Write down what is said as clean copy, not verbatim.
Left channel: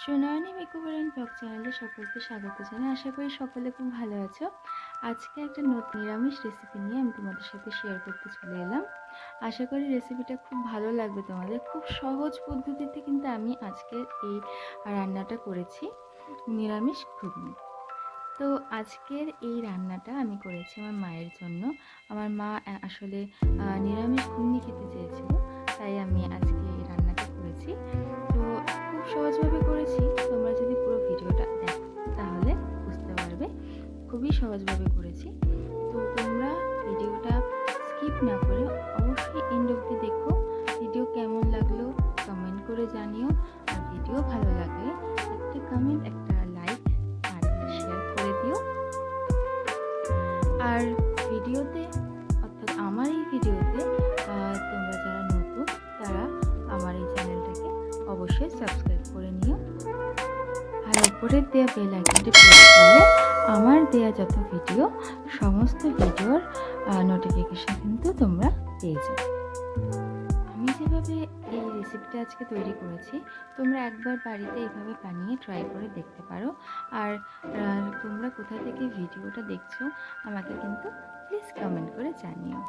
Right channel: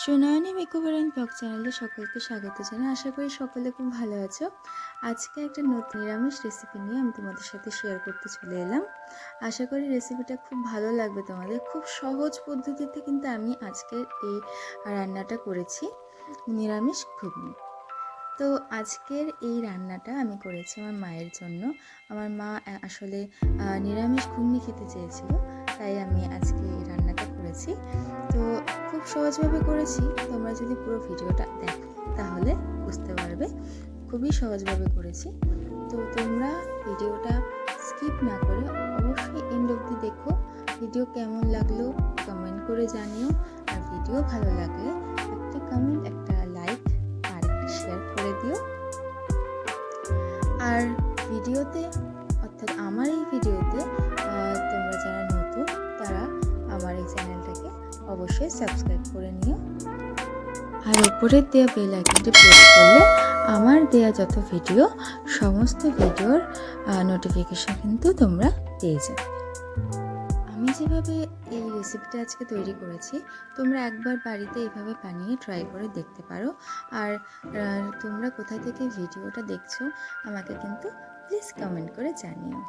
Sunayani makeover and blog চ্যানেলে সকলকে স্বাগত জানাই। আশা করি সকলে খুব ভালো আছো। আজকে একটা নতুন নিরামিষ রেসিপি নিয়ে আমি তোমাদের সাথে শেয়ার করতে চলে এলাম। আশা করি রেসিপিটা খুব ভালো লাগবে তোমাদের। খুব সহজ পদ্ধতিতে কিন্তু আমি আজকের এই রান্নাটা করেছি, নিরামিষ ঘুগনি। তো আজকের এই রান্নাটা আমি করেছি আমার মায়ের জন্য। আমার মা আসলে নিরামিষ ঘুগনি খেতে চেয়েছিল, তাই আমি আজকে এই রান্নাটা করেছি। তো খুব সহজভাবে করেছি, তোমরা যদি পুরো ভিডিওটা দেখো তাহলে বুঝতে পারবে খুবই সহজভাবে করেছি। তো তোমরা ভিডিওটা স্কিপ না করে অবশ্যই এন্ড অবধি দেখো। ভিডিও কেমন লাগলো কমেন্ট করে জানিও, আর ভিডিও ভালো লাগলে একটা কমেন্ট, একটা লাইক আর একটা শেয়ার করে দিও। আর ভিডিওতে অর্থাৎ আমার এই ভিডিওতে তোমরা যারা নতুন তারা আমার এই চ্যানেলটাকে অবশ্যই সাবস্ক্রাইব করে নিও, আর উপরের দেওয়া বেল আইকনটি প্রেস করলে আমার দেওয়া যত ভিডিও সমস্ত ভিডিওর নোটিফিকেশন কিন্তু তোমরা পেয়ে যাবে। আমি যেভাবে এই রেসিপিটা আজকে তৈরি করেছি, তোমরা একবার বাড়িতে এইভাবে বানিয়ে ট্রাই করে দেখতে পারো। আর তোমরা কোথা থেকে ভিডিওটা দেখছো আমাকে কিন্তু প্লিজ কমেন্ট করে জানিও।